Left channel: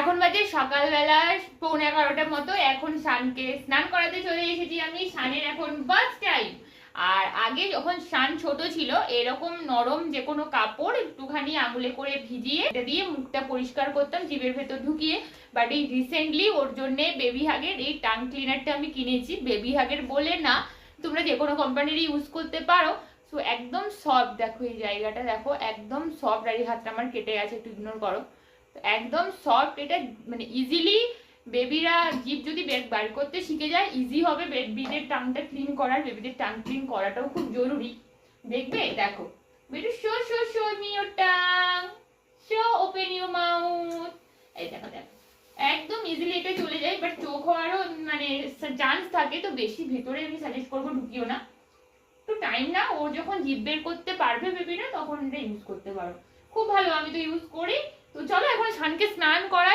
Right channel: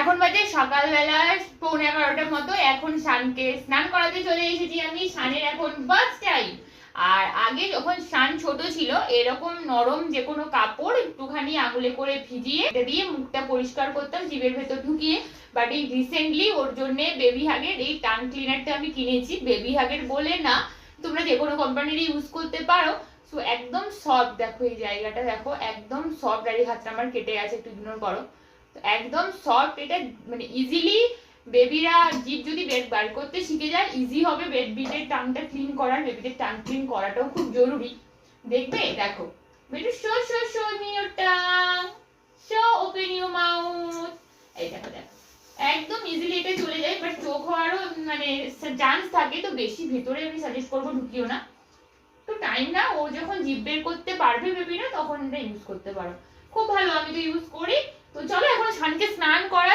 এখন বাজে সকালবেলা 11:45টার মতো। এখন শানকে স্নান করাতে চলে এসেছি আমি। শানের এখন বাথ টাইম। আর আগে যখন শান ছোট ছিল এরকম নরম যে কোনো কাপড় একটুখানি আঙুলে করে ভিজিয়ে এটা দিয়ে মুখটা পরিষ্কার করতাম জিভের ভেতর ঢুকিয়ে। বাট এই রিসেন্টলি ওর জন্য বেবি হাগের এই টাং ক্লিনারটা আমি কিনেছি। বেবি হাগের বলে না, তোমরা যে কোনো কোম্পানির ইউজ করতে পারো। তো একদম সফট, দেখো এই জায়গাটা দেখো একদম সফট। আর এই হাতটা আমার কেটে গেছে, একটু ইগনোর করো। একদম সফট, এটা মানে ইজিলি বেবিরা জিভ যদি বেড বার করতে শিখে যায় ইজি হবে বেবিদের টাংটা ক্লিন করার। বেবিদের টাং ক্লিন করাটাও খুব জরুরি। দেখবে দেখো baby, show show show me your tongue, show open your mouth. এই দেখো দেখো একদম ইজিলি এটা চলে যায়। বাট চোখ হওয়ারও মানে চান্স থাকে, তো বেশি ভেতরে আমি সাজেস্ট করবো ঢুকিও না। তো টাইম না, ও যখন জিভ বের করতে পারবে বেবিরা তখন এটা ইউজ করতে পারো। খুব ভালো, আমি তো ইউজ করি। তো চলো এখন শানকে স্নান করাই।